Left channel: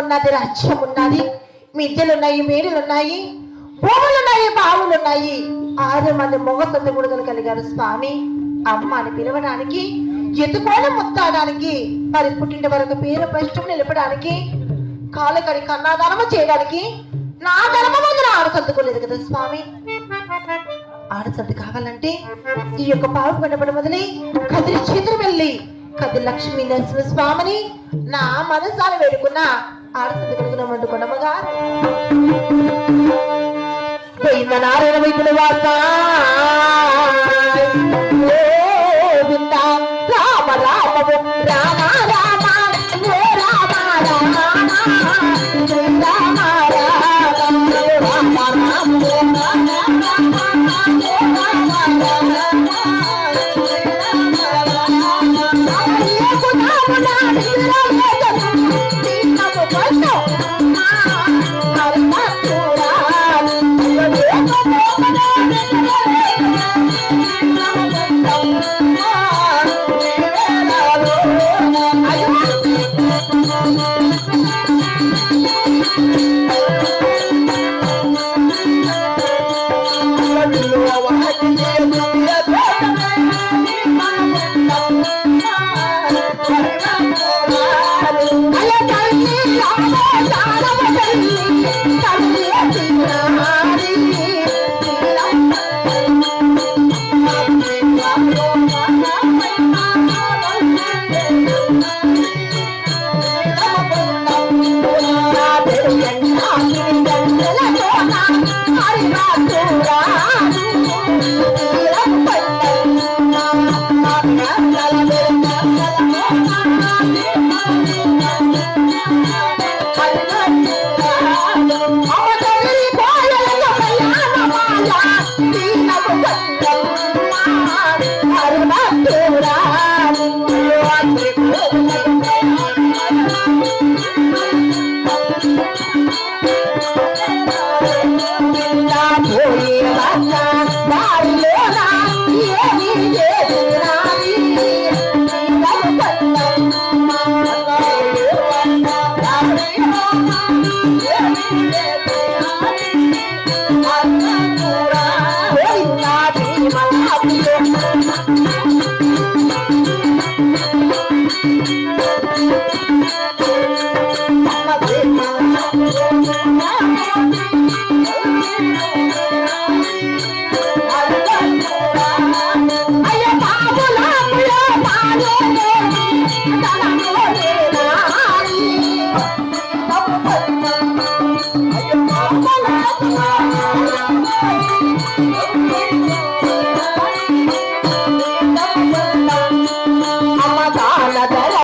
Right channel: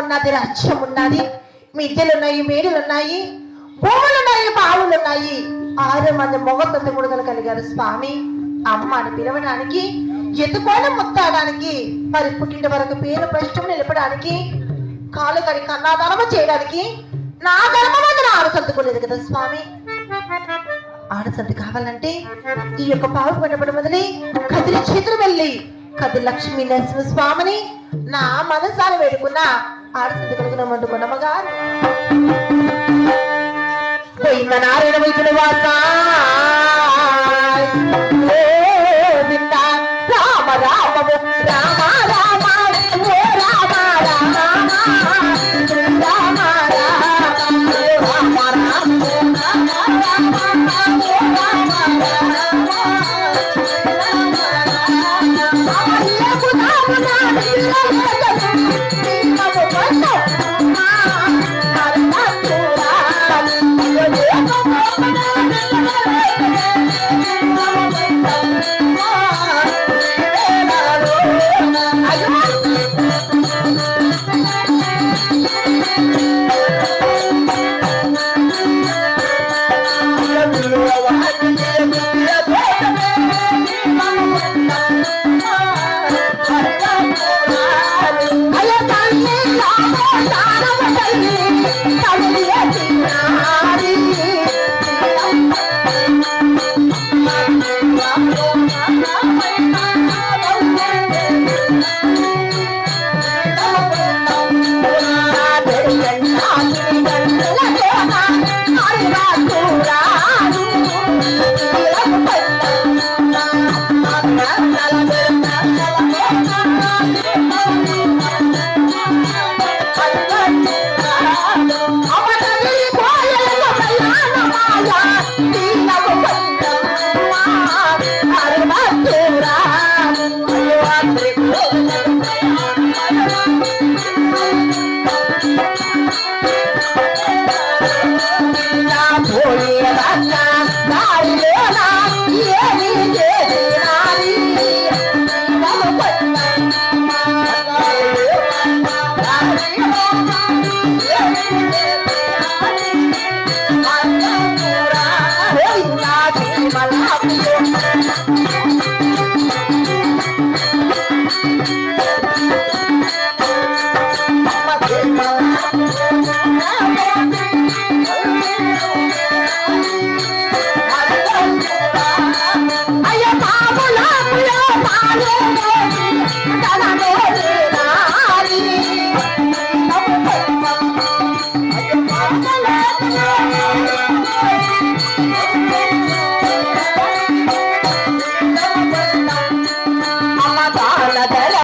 ఉన్నది, రాజ్యం ఉన్నది, మిద్దెలున్నాయి, మేడులున్నాయి, భూములున్నాయి, బావులున్నాయి. 6 మంది మొగ కొత్త కొడుకులు కలిగారు స్వామి. అమ్మ అని పిలవడానికి, ఎత్తుకోవడం ముత్తాడానికి, మరి పుట్టిన వరకు పేరు ప్రశ్న నిలపడానికి, కాలు కడి కన్నాదానము చేయడానికి నా ధర్మమందున 6 సర్దుకోలేదు కదా స్వామి. 6 సర్దు కావాలంటే ఈ యొక్క పావు కనపడ మొదలి కదిరి చేతులు వెళ్ళి కదిరి లక్ష్మీ నరసింహ స్వామిని నా మనసారి వేడుకున్న 6 సర్దు కలుగున మండుకున్నమ్మగారు నారాయణ వైద్యుల వాస రామ రామ రామ రామ రామ రామ శ్రీరామ అయ్య బాబులో